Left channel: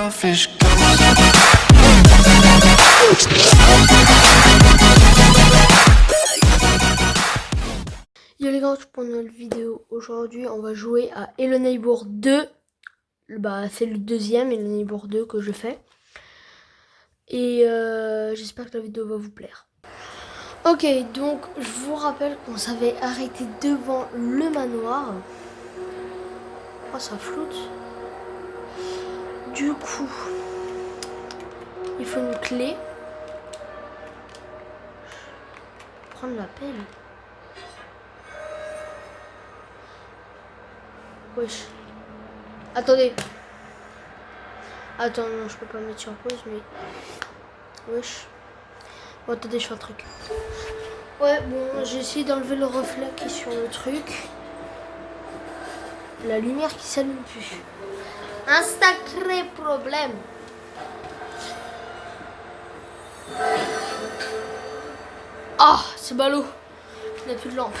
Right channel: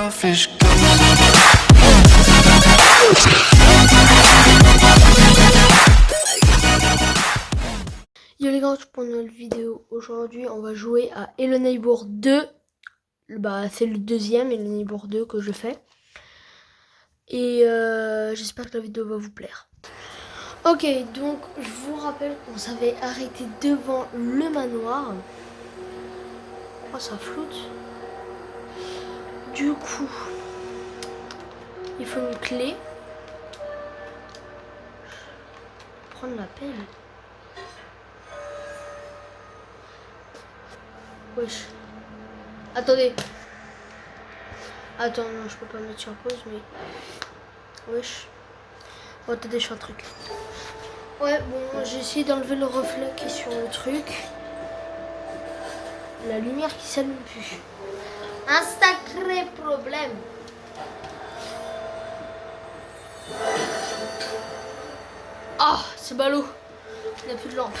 selfish ghost. Yo les gars, pour une nouvelle vidéo. Aujourd'hui, on va jouer à Hello Neighbor 2. C'est le deuxième Hello Neighbor 2 que je fais. Et j'espère que la vidéo va vous plaire. Ok, donc je vous rappelle qu'on s'avait arrêté devant le manoir. Oh, ça flotte. Du coup, il faut une clé. Prendre la pelle. Wesh. Attendez. Attends, non, je peux pas mettre sur pause, mais... Wesh. Oh, attendez, je fais un truc. Ouais, bon, j'ai essayé d'enlever le reflet qui est sur le truc. La lumière qui s'allume plus. Un sacré problème. Oh, c'est ballot. Il n'y a plus de lampe.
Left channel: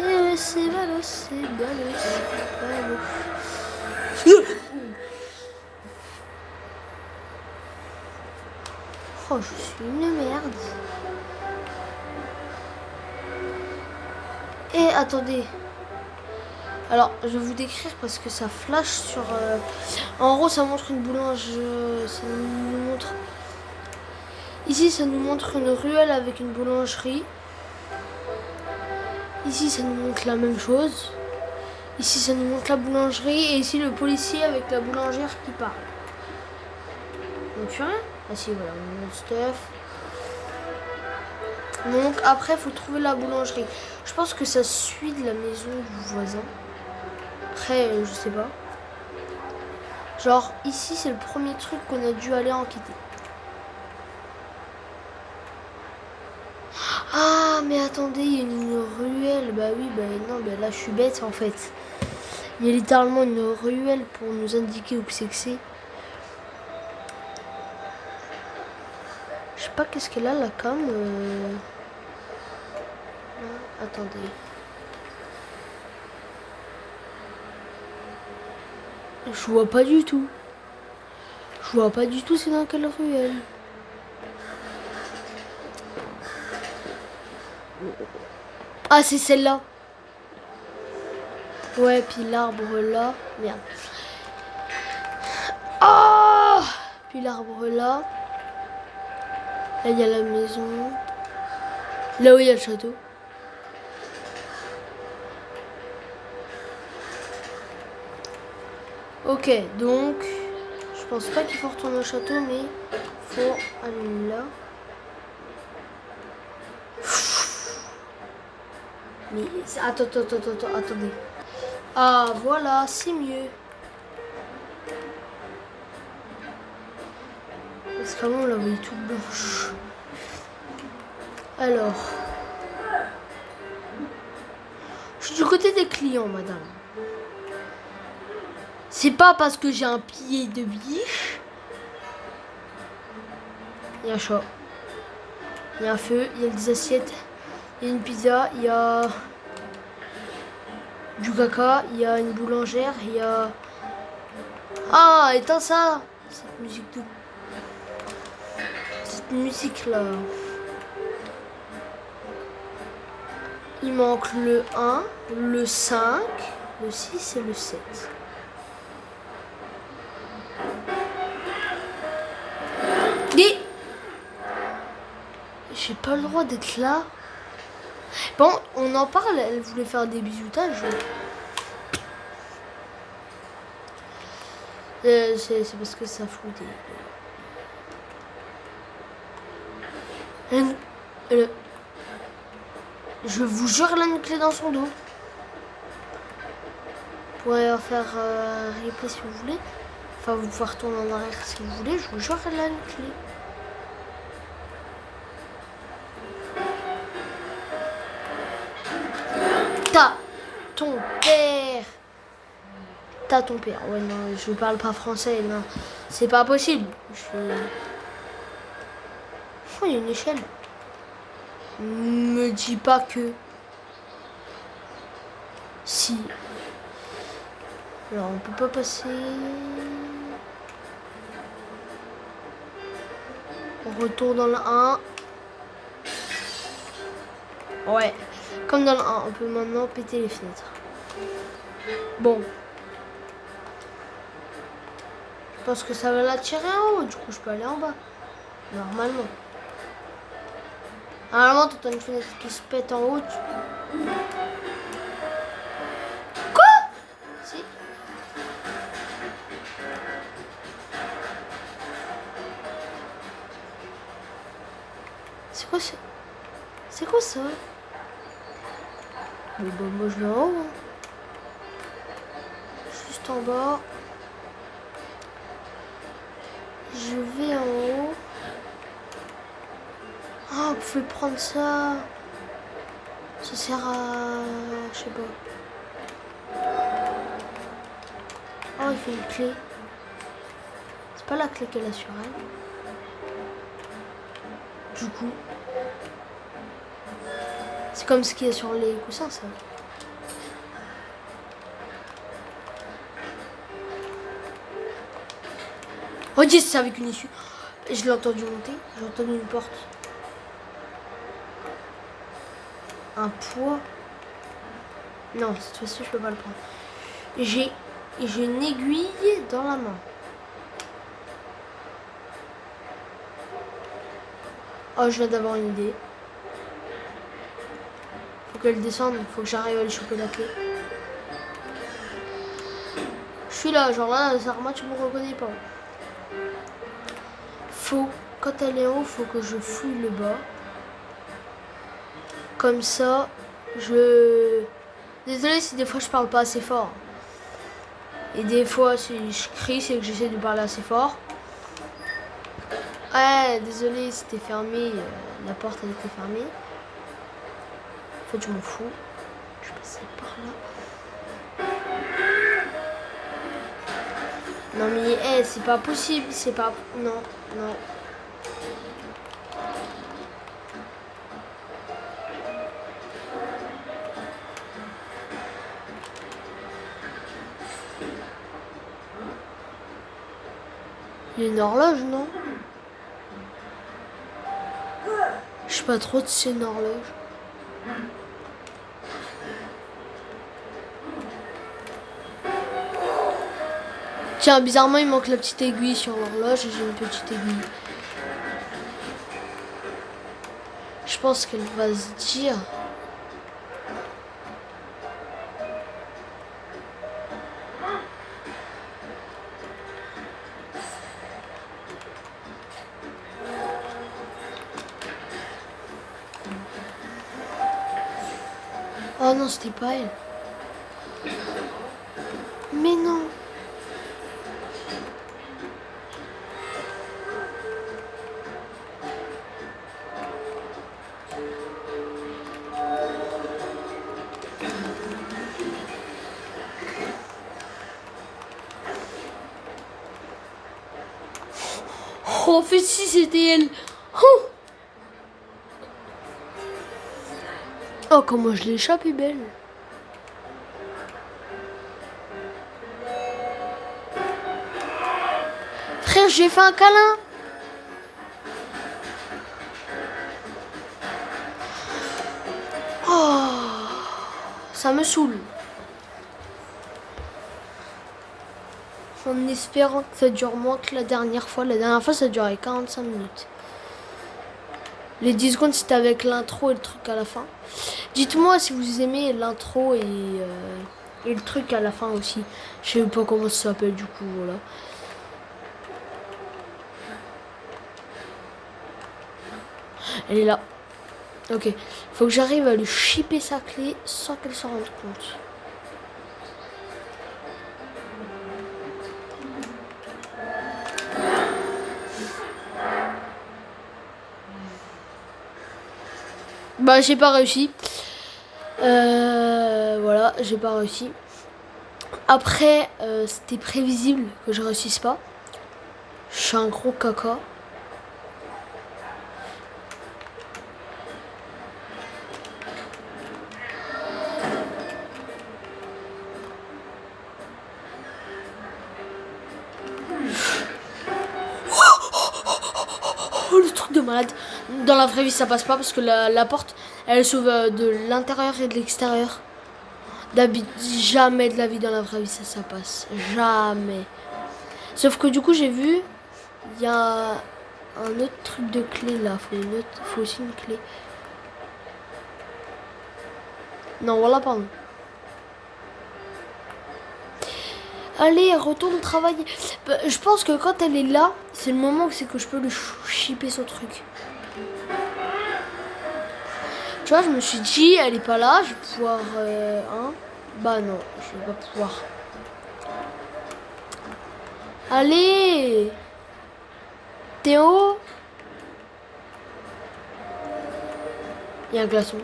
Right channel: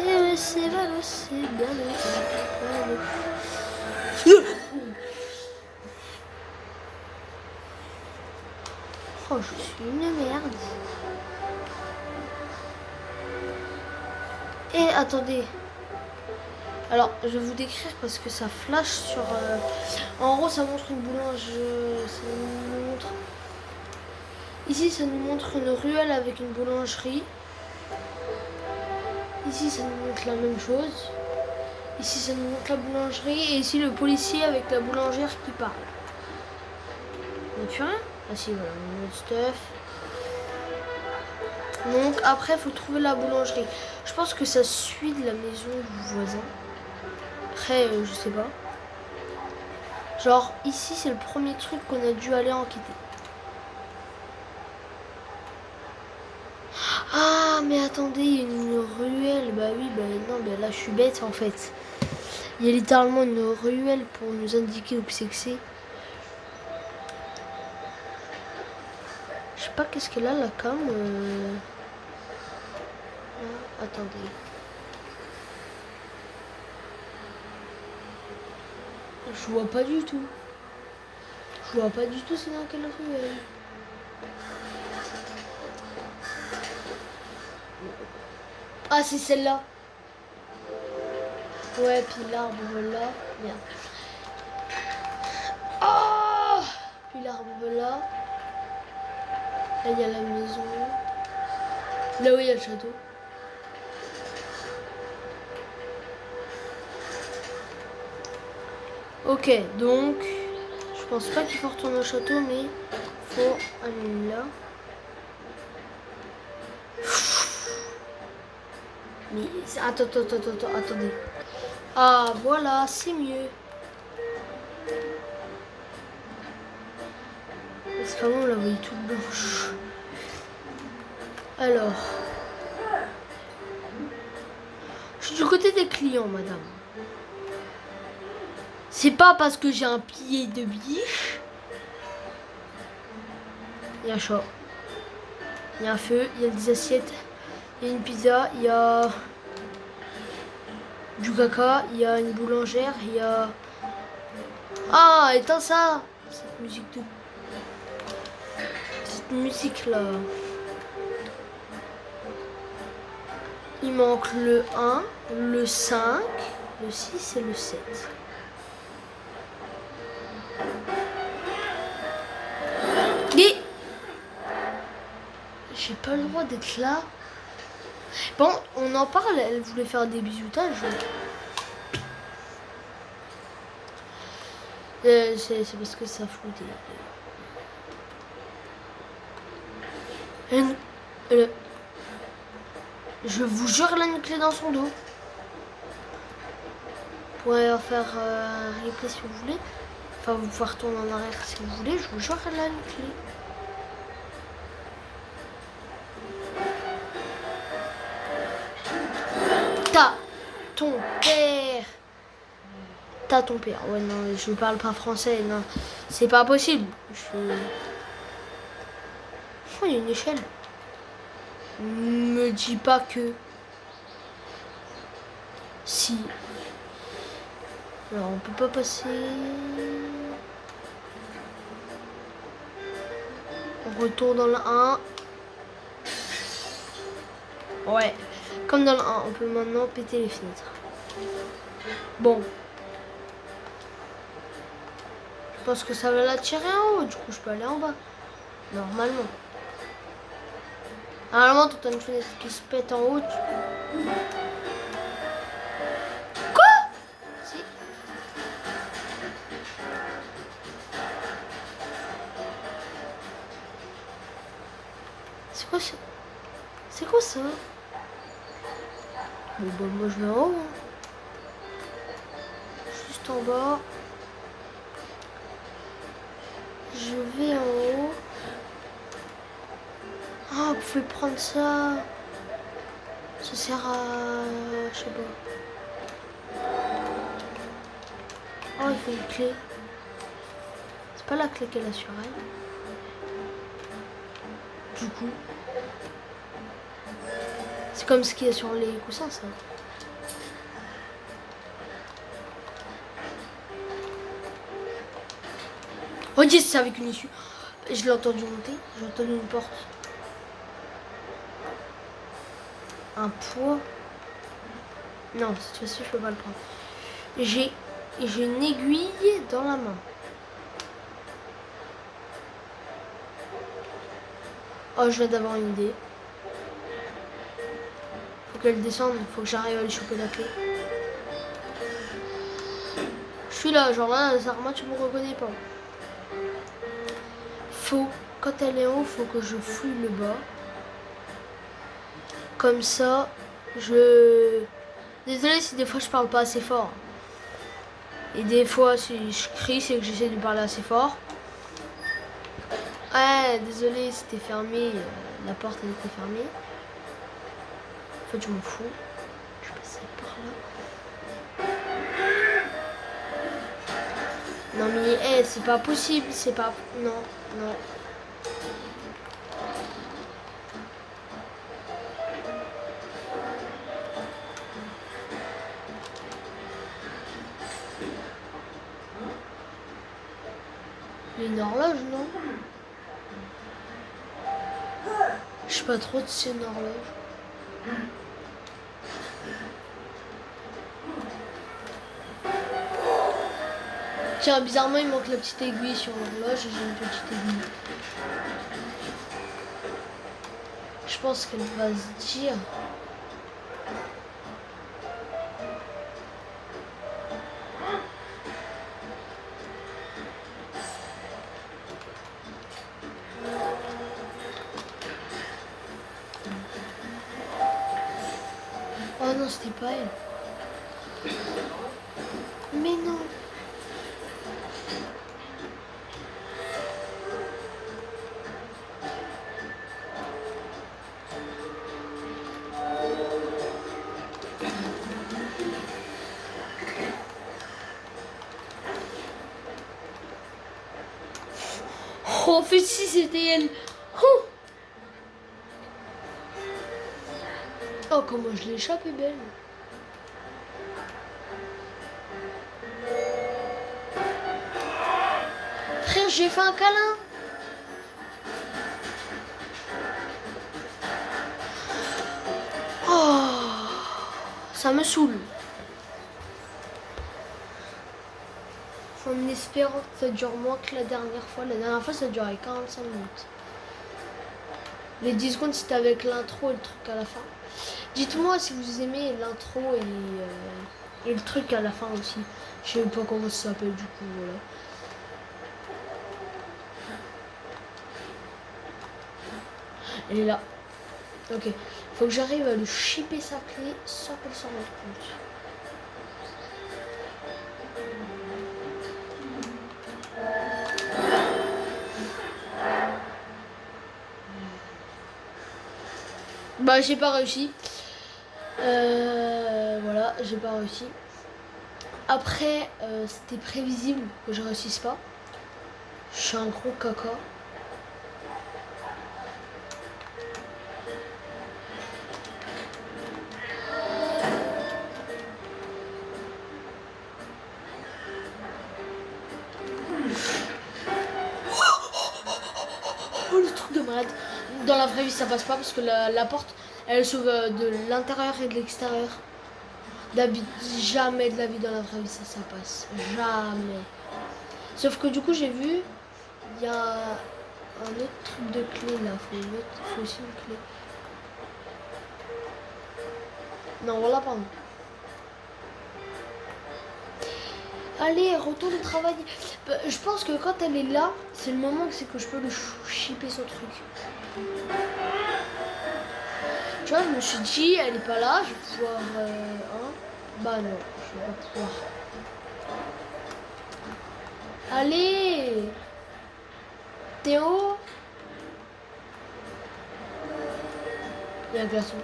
Eh, c'est ballot, c'est ballot, c'est ballot. Oh, je suis une merde. Et attendez. Alors, je vais vous décrire parce que ça flash sur... En gros, ça montre une boulangerie. Ça nous montre... Ici, ça nous montre une ruelle avec une boulangerie. Ici, ça nous montre la même chose. Ici, ça nous montre la boulangerie. Et ici, le policier avec la boulangère qui parle. On n'a plus rien? Ah si, voilà, on a notre stuff. Donc, après, il faut trouver la boulangerie. Je pense que ça suit de la maison du voisin. Après, je sais pas. Genre, ici, c'est le premier truc qu'on a dû aller enquêter. Ah, mais attendez, il y a une ruelle. Bah oui, bah non, bah là, je suis bête, en fait. Il y a littéralement une ruelle pour nous indiquer où c'est que c'est. Je sais pas qu'est-ce qu'elle a, la cam. Ah, attendez. Je vois pas du tout. Je vois pas du tout c'est dans quelle ruelle. Ah, c'est celle-là. Ouais, puis l'arbre là. Merde. Ah, puis l'arbre là. Là, il y a la maison. Là où il y a le château. Ok, donc... Je pense pas qu'il faut retourner au château, mais... Faut aller là. Mais... Attendez. Ah, voilà, c'est mieux. Parce qu'avant, on la voyait toute blanche. Alors... Je suis du côté des clients, madame. C'est pas parce que j'ai un pied de biche. Il y a un chat. Il y a un feu, il y a des assiettes. Il y a une pizza, il y a... du caca, il y a une boulangère, il y a... Ah, éteins ça! Cette musique de... Cette musique là. Il manque le 1, le 5, le 6 et le 7. Et... J'ai pas le droit d'être là. Bon, on en parle, elle voulait faire des bisoutages. C'est parce que ça fout des... Je vous jure, elle a une clé dans son dos. Vous pourrez faire un replay si vous voulez. Enfin, vous pouvez retourner en arrière si vous voulez. Je vous jure, elle a une clé. T'as ton père. T'as ton père. Ouais, non, je parle pas français. Non, c'est pas possible. Oh, il y a une échelle. Me dis pas que... Si. Alors, on peut pas passer... On retourne dans le 1. Ouais, comme dans le 1, on peut maintenant péter les fenêtres. Bon. Je pense que ça va l'attirer en haut, du coup je peux aller en bas. Normalement. Normalement, tu as une fenêtre qui se pète en haut. Quoi? Si. C'est quoi ça? C'est quoi ça? Bon bah moi je vais en haut. Hein. Juste en bas. Je vais en haut. Ah, vous pouvez prendre ça. Ça sert à... Je sais pas. Oh, il faut une clé. C'est pas la clé qu'elle a sur elle. Du coup... C'est comme ce qu'il y a sur les coussins, ça. Oh yes, c'est avec une issue. Je l'ai entendu monter. J'ai entendu une porte. Un poids. Non, cette fois-ci, je peux pas le prendre. J'ai une aiguille dans la main. Oh, je viens d'avoir une idée. Faut qu'elle descende. Faut que j'arrive à lui choper la clé. Je suis là, genre là, Sarma, tu me reconnais pas. Faut, quand elle est en haut, faut que je fouille le bas. Comme ça, je... Désolée si des fois je parle pas assez fort. Et des fois, si je crie, c'est que j'essaie de parler assez fort. Ouais, désolé, c'était fermé. La porte, elle était fermée. En fait, je m'en fous. Je vais passer par là. Non mais hey, c'est pas possible, c'est pas... Non, non. Il y a une horloge, non? Je sais pas trop si c'est une horloge. Tiens, bizarrement, il manque la petite aiguille sur l'horloge et j'ai une petite aiguille. Je pense qu'elle va se dire... Oh non, c'était pas elle. Mais non. Oh, en fait, si c'était elle. Oh, oh comment je l'échappe, est belle. Frère, j'ai fait un câlin. Oh, ça me saoule. En espérant que ça dure moins que la dernière fois. La dernière fois, ça durait 45 minutes. Les 10 secondes, c'était avec l'intro et le truc à la fin. Dites-moi si vous aimez l'intro et le truc à la fin aussi. Je sais pas comment ça s'appelle du coup, voilà. Elle est là. Ok. Faut que j'arrive à lui chipper sa clé sans qu'elle s'en rende compte. Bah, j'ai pas réussi. Voilà, j'ai pas réussi. Après, c'était prévisible que je réussisse pas. Je suis un gros caca. truc de malade. Dans la vraie vie, ça passe pas parce que la porte, elle s'ouvre de l'intérieur et de l'extérieur. Jamais de la vie dans la vraie vie, ça passe. Jamais. Sauf que du coup, j'ai vu, il y a un autre truc de clé là. Faut aussi une clé. Non, voilà, pardon. Allez, retourne travailler. Je pense que quand elle est là, c'est le moment où c'est que je peux lui shipper son truc. Tu vois, je me suis dit, elle est pas là, je vais pouvoir... hein. Bah non, je vais pas pouvoir. Allez, Théo. Il y a un glaçon.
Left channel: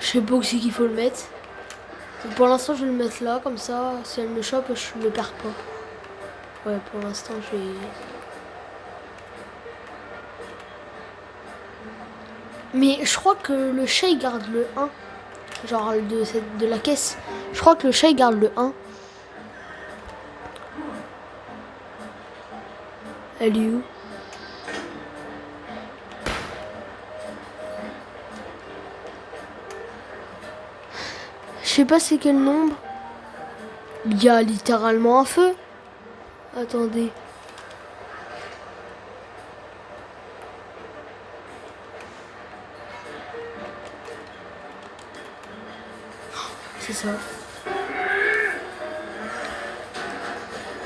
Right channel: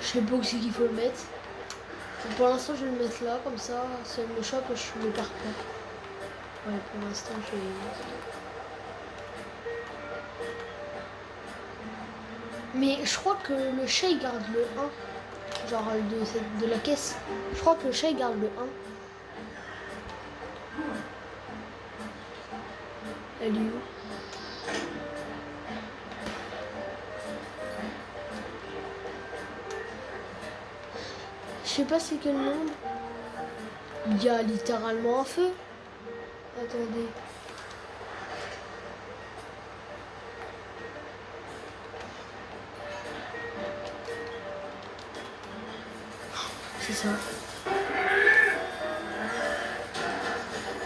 Je sais pas où c'est qu'il faut le mettre. Pour l'instant, je vais le mettre là, comme ça, si elle me chope, je le perds pas. Ouais, pour l'instant, je vais... Mais je crois que le chat, il garde le 1. Genre de la caisse. Je crois que le chat, il garde le 1. Elle est où? Je sais pas c'est quel nombre. Il y a littéralement un feu. Attendez. C'est ça.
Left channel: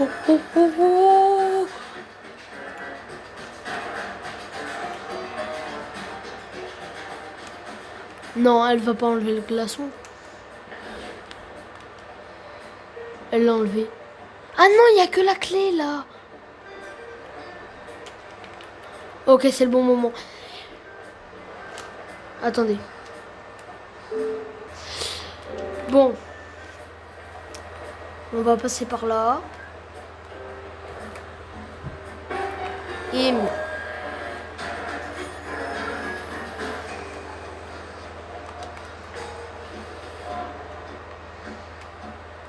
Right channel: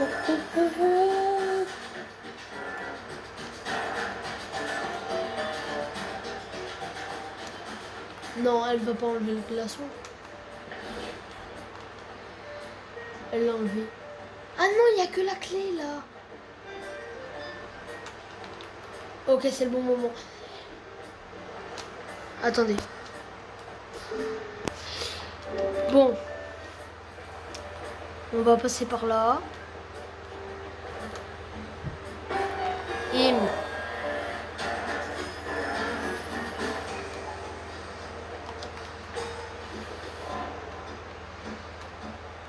Oh, oh, oh, oh. Non, elle va pas enlever le glaçon. Elle l'a enlevé. Ah non, il n'y a que la clé là. Ok, c'est le bon moment. Attendez. Bon. On va passer par là. Et...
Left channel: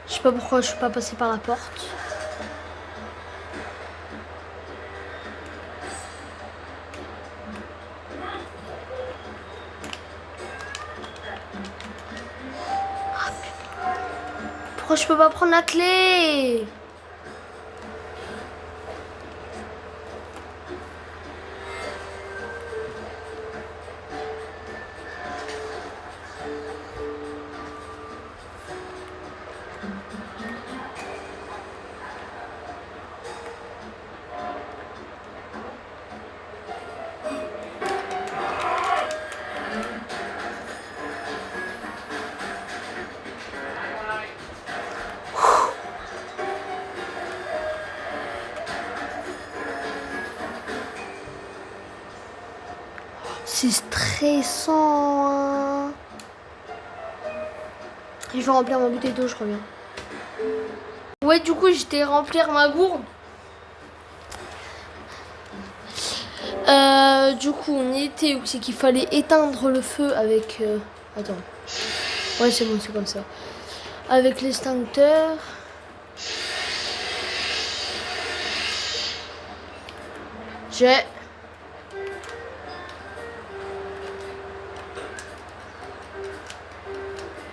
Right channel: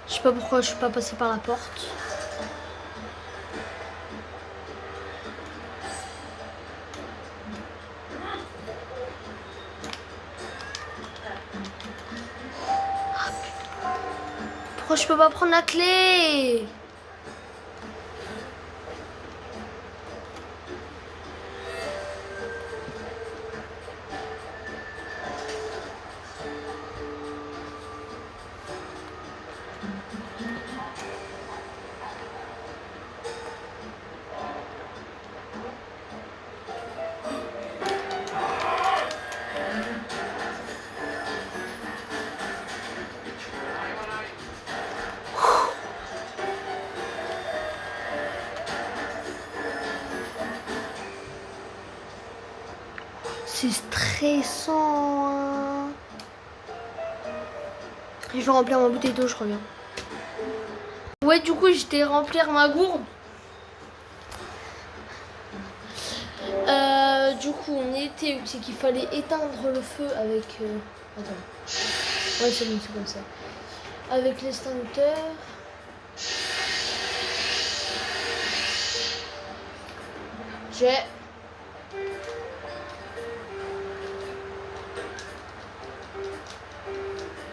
Je sais pas pourquoi je suis pas passé par la porte. Pourquoi je peux pas prendre la clé? C'est stressant. Hein. Je vais remplir ma bouteille d'eau, je reviens. Ouais, du coup, j'étais remplir ma gourde. Du coup, on était où c'est qu'il fallait éteindre le feu avec... Attends. Ouais, c'est bon, c'est comme ça. Avec l'extincteur. J'ai...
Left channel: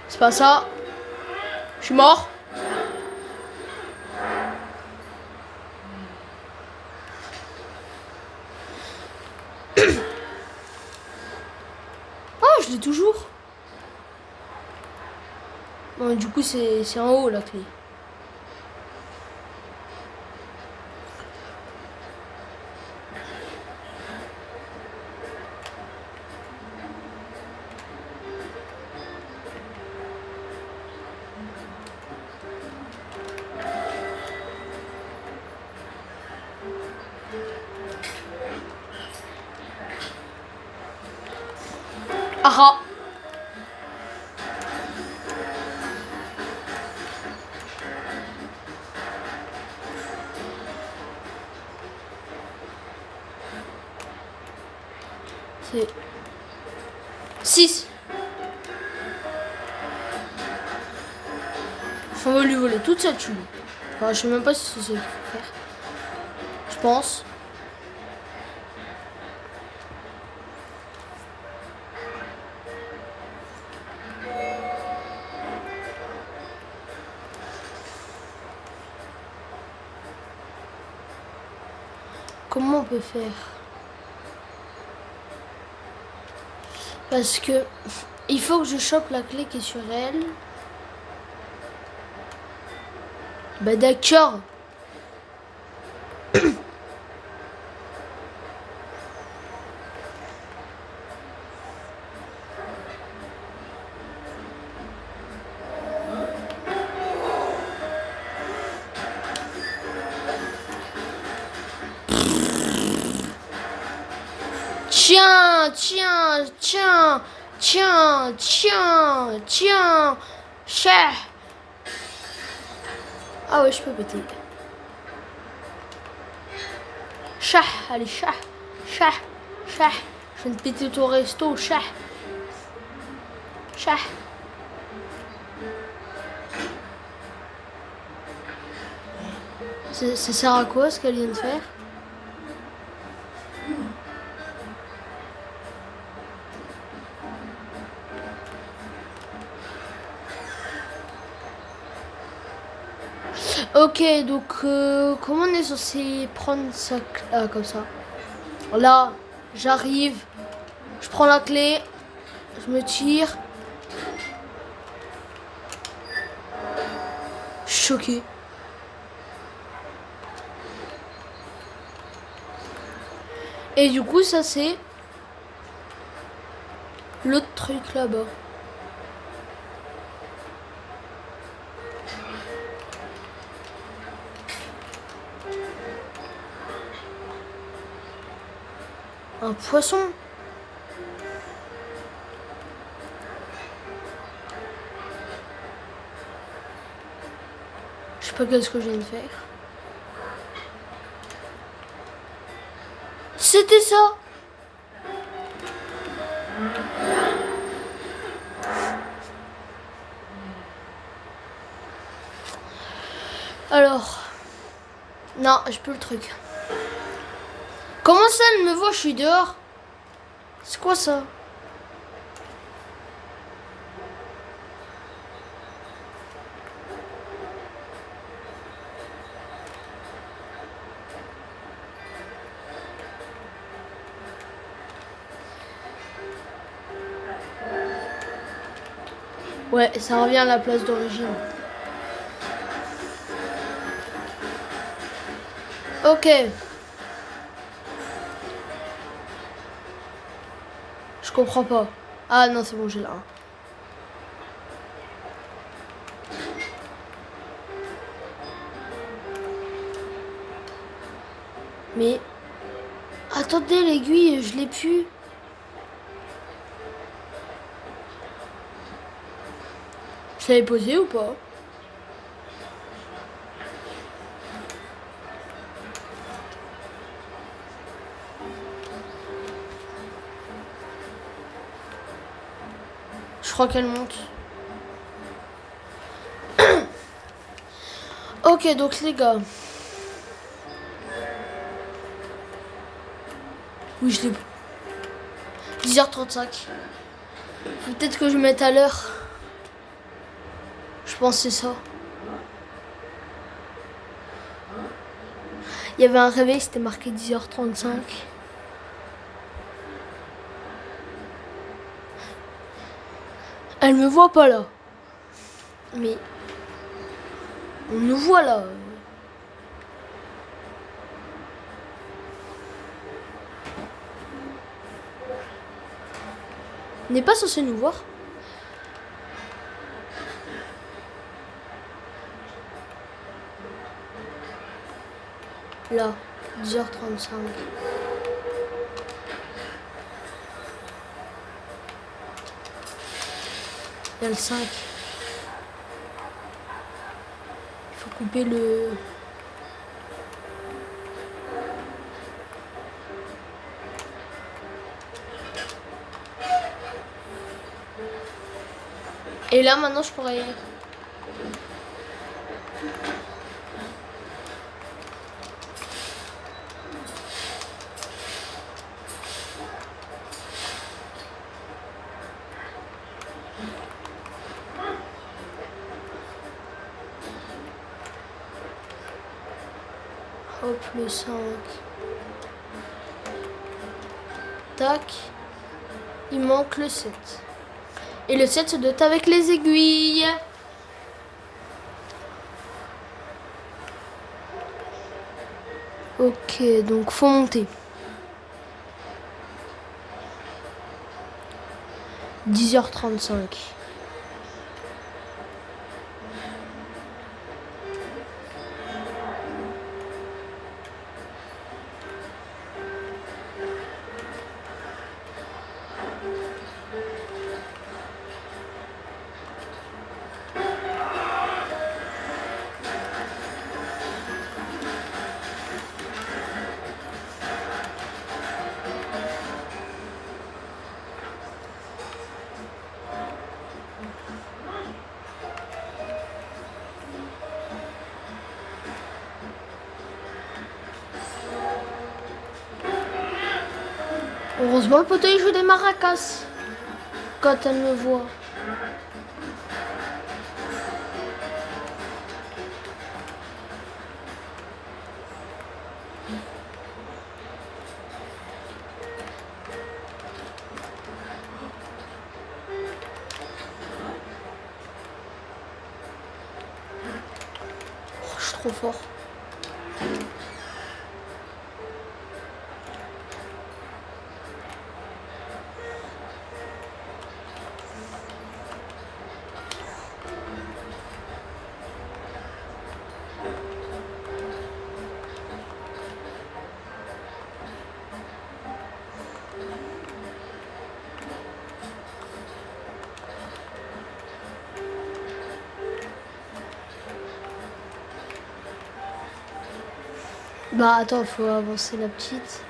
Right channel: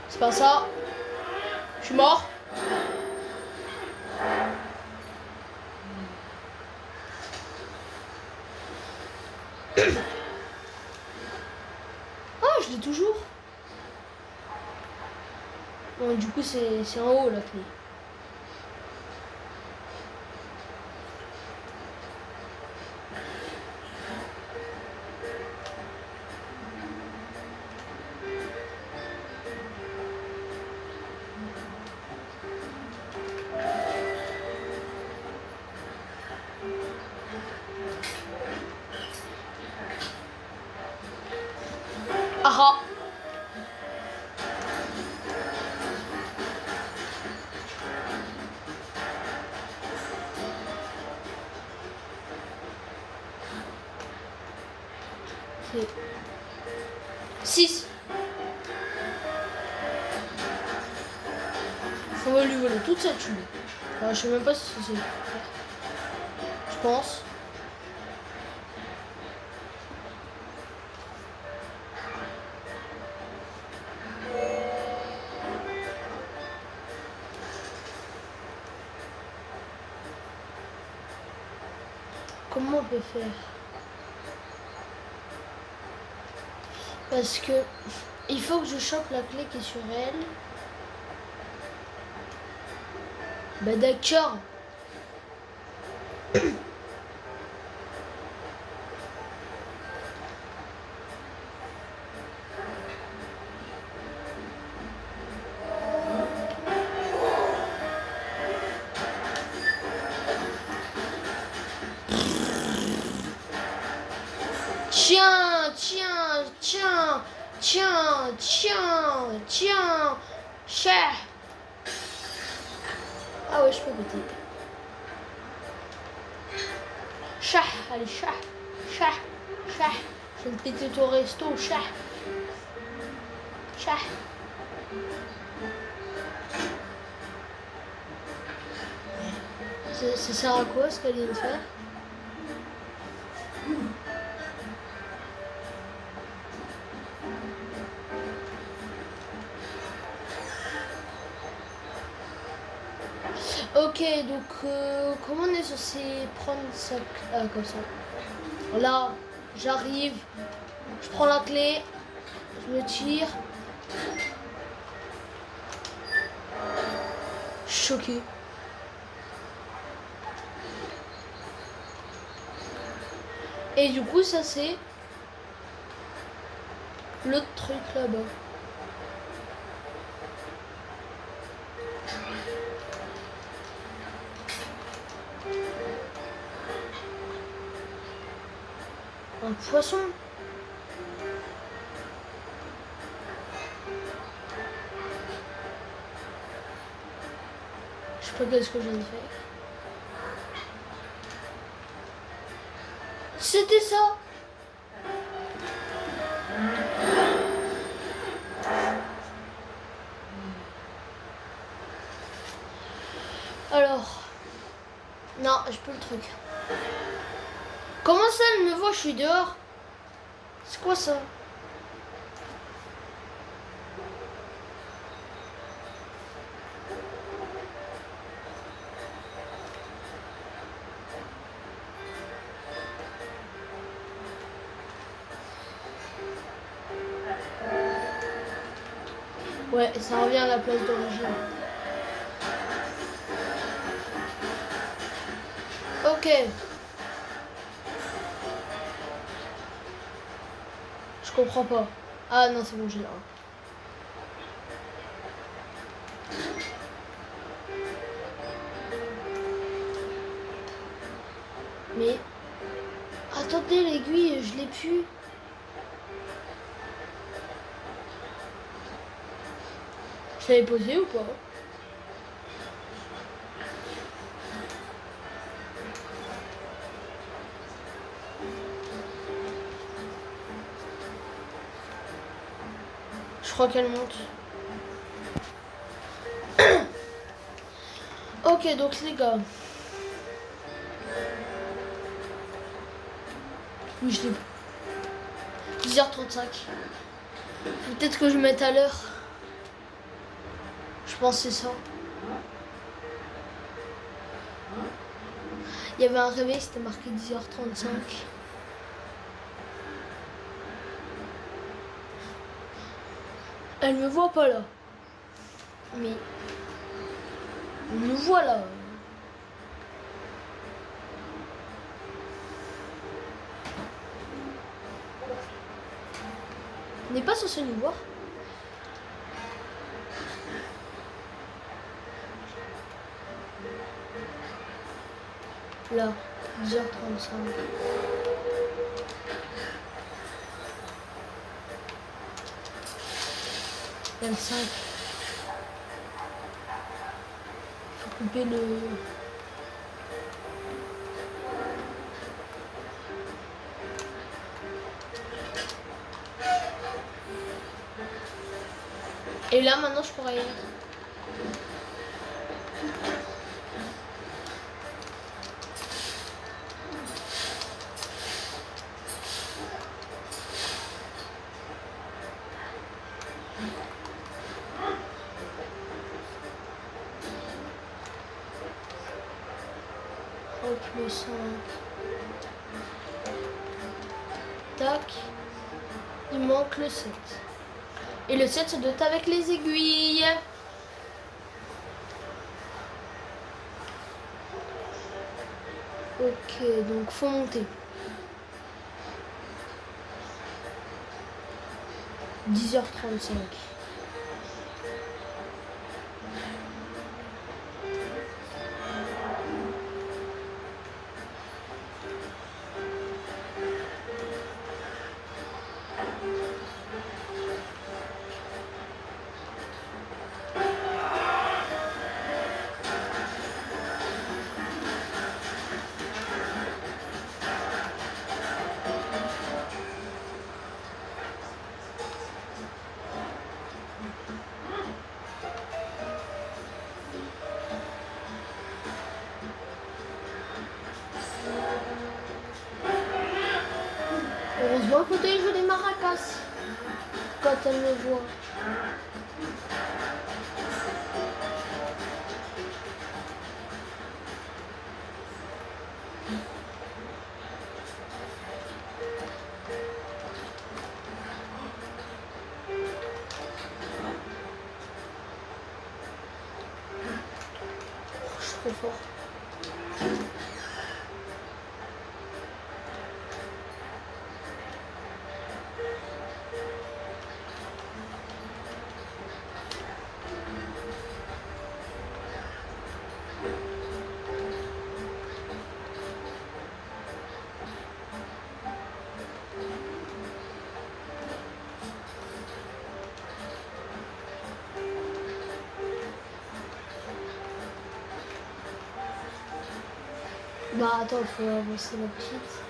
C'est pas ça. Je suis mort. Ah, je l'ai toujours. Non, du coup, c'est en haut la clé. Ah ah. C'est 6. On va lui voler toute cette chute. Enfin, je sais même pas si c'est ça qu'il faut faire. Je pense. Comment on peut faire? Parce que il faut que je chope la clé qui est sur elle. Bah d'accord. Tiens, tiens, tiens, tiens, tiens, tiens, chat. Ah ouais, je peux péter. Chat, allez, chat, chat, chat. Je viens de péter ton resto, chat. Chat. Ça sert à quoi ce qu'elle vient de faire? Ok, donc comment on est censé prendre ça? Ah, comme ça. Là, j'arrive, je prends la clé, je me tire. Je suis choqué. Et du coup, ça c'est l'autre truc là-bas. Un poisson. Je sais pas qu'est-ce que je viens de faire. C'était ça. Alors. Non, j'ai plus le truc. Comment ça, elle me voit, je suis dehors? C'est quoi ça? Ouais, ça revient à la place d'origine. Ok. Je comprends pas. Ah non, c'est bon, j'ai là. Mais... Attendez, l'aiguille, je l'ai plus. Je l'avais posée ou pas? Je crois qu'elle monte. Ok, donc les gars. Oui, je l'ai plus. 10h35. Faut peut-être que je mette à l'heure. Je pense que c'est ça. Il y avait un réveil, c'était marqué 10h35. Elle me voit pas là. Mais... On nous voit là. On n'est pas censé nous voir. Là, 10h35. Il y a le 5. Il faut couper le... Et là, maintenant, je pourrais... le 5. Tac. Il manque le 7. Et le 7 se doit être avec les aiguilles. Ok, donc faut monter. 10h35. Heureusement le poteau il joue des maracas quand elle me voit. Oh, je suis trop fort. Bah attends, il faut avancer la petite.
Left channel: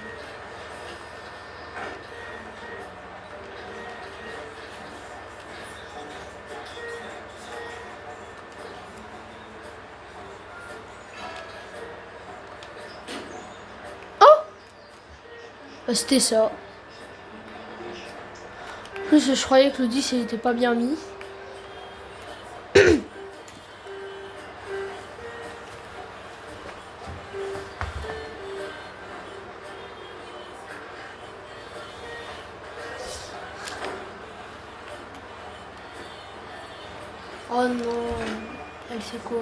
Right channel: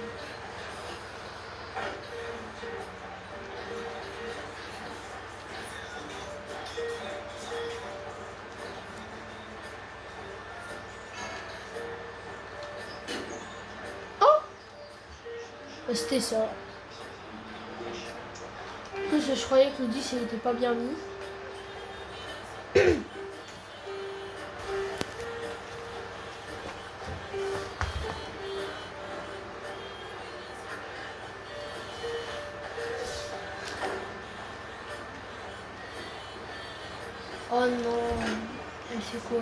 Oh, bah, c'était ça. En plus, je croyais que le 10 il était pas bien mis. Oh non, elle fait quoi?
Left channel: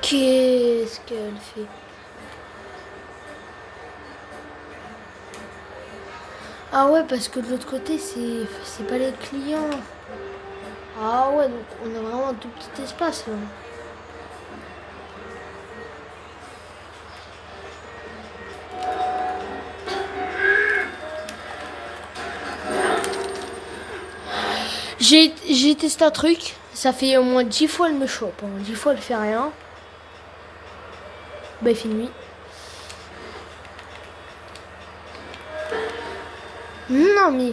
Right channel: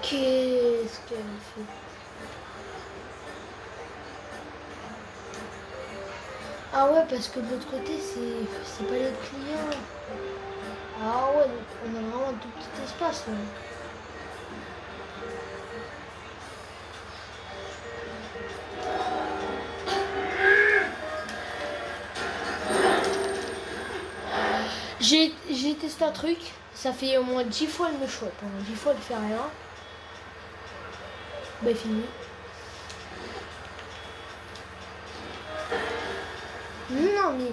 Qu'est-ce qu'elle fait? Ah ouais, parce que de l'autre côté, c'est pas les clients. Ah ouais, donc on a vraiment un tout petit espace là. J'ai testé un truc, ça fait au moins 10 fois elle me chope, hein. 10 fois elle fait rien. Bah il fait nuit. Non mais...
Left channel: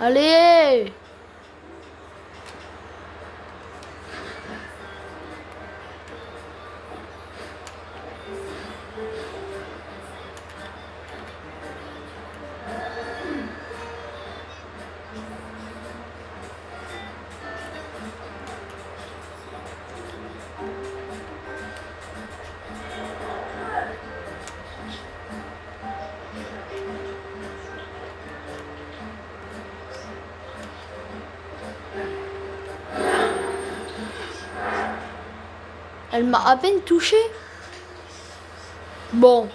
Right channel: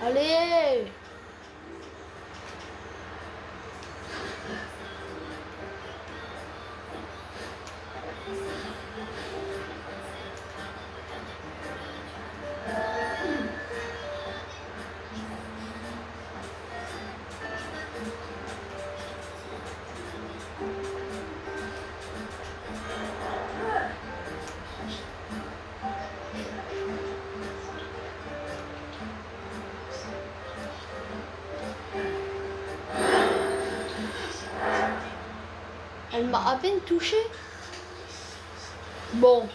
Allez! Elle m'a à peine touché. Bon.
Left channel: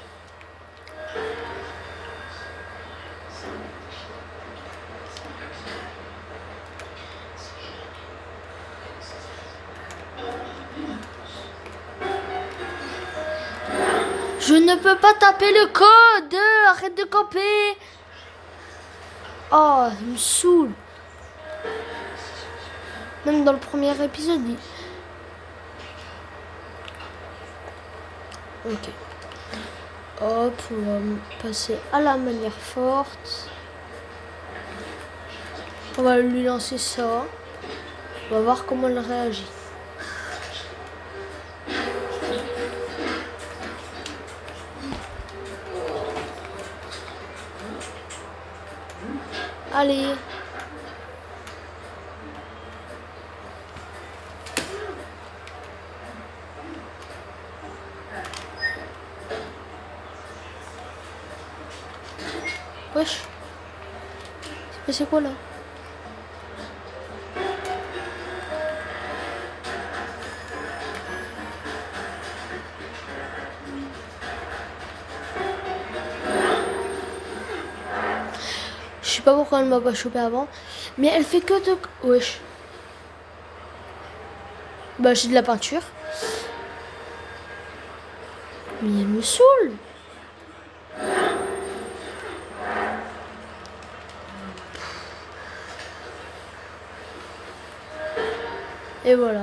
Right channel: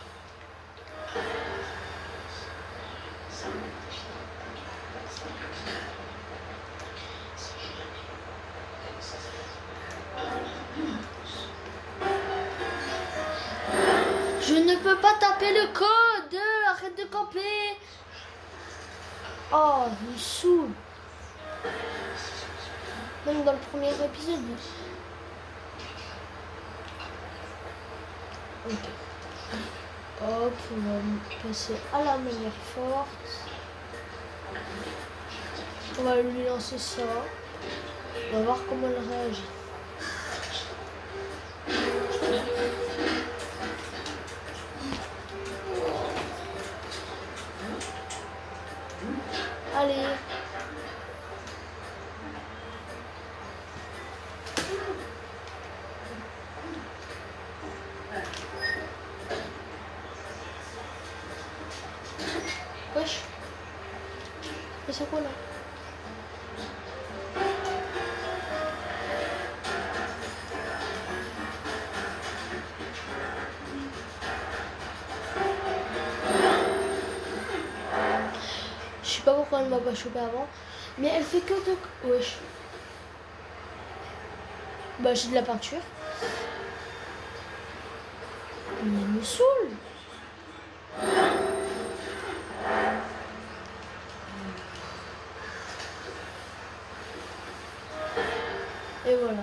Je ne peux pas taper le code. Arrête de camper. Oh, ça me saoule. Même dans le premier épisode. Ok. Hop, on va passer à la manière forte. On va lui lancer ça. On va voir comment elle réagit. Allez. Wesh. C'est quoi là? Je sais pas pourquoi elle m'a pas chopé avant. Mais elle fait que de... Wesh. Bah j'ai de la peinture. Mais elle me saoule. Et voilà.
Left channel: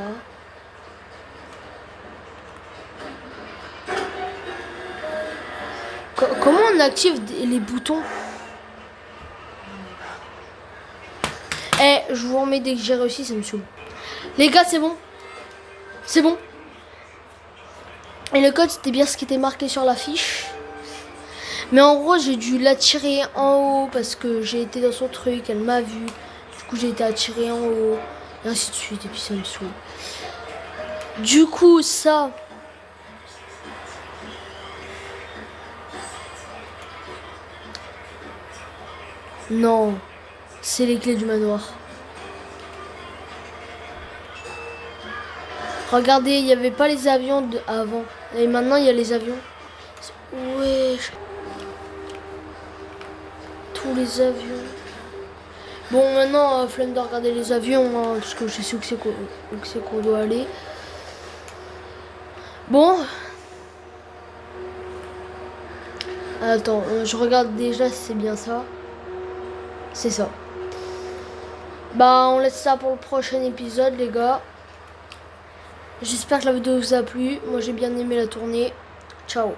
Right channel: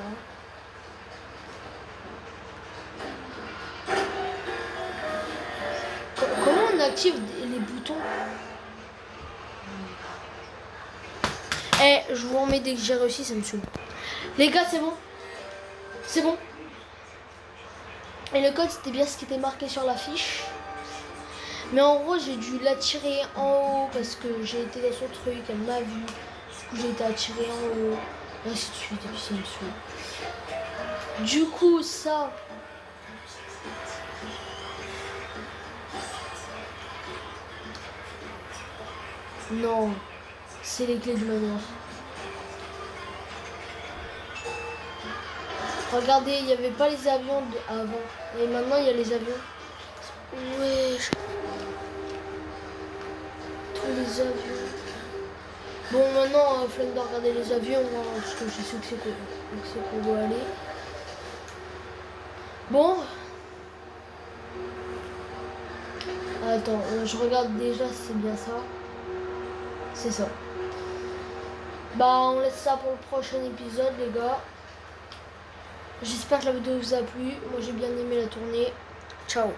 Comment on active les boutons? Eh, je vous remets dès que j'ai réussi, ça me saoule. Les gars, c'est bon. C'est bon. Et le code, c'était bien ce qui était marqué sur l'affiche. Mais en gros, j'ai dû l'attirer en haut parce que j'ai été dans son truc, elle m'a vu. Du coup, j'ai été attiré en haut. Et ainsi de suite, et puis ça me saoule. Du coup, ça... Non, c'est les clés du manoir. Regardez, il n'y avait pas les avions avant. Et maintenant, il y a les avions. Ouais. Tous les avions. Bon, maintenant, flemme de regarder les avions, hein, parce que je sais où c'est qu'on doit aller. Bon. Attends, je regarde déjà si c'est bien ça. C'est ça. Bah, on laisse ça pour le prochain épisode, les gars. J'espère que la vidéo vous a plu. Moi, j'ai bien aimé la tournée. Ciao.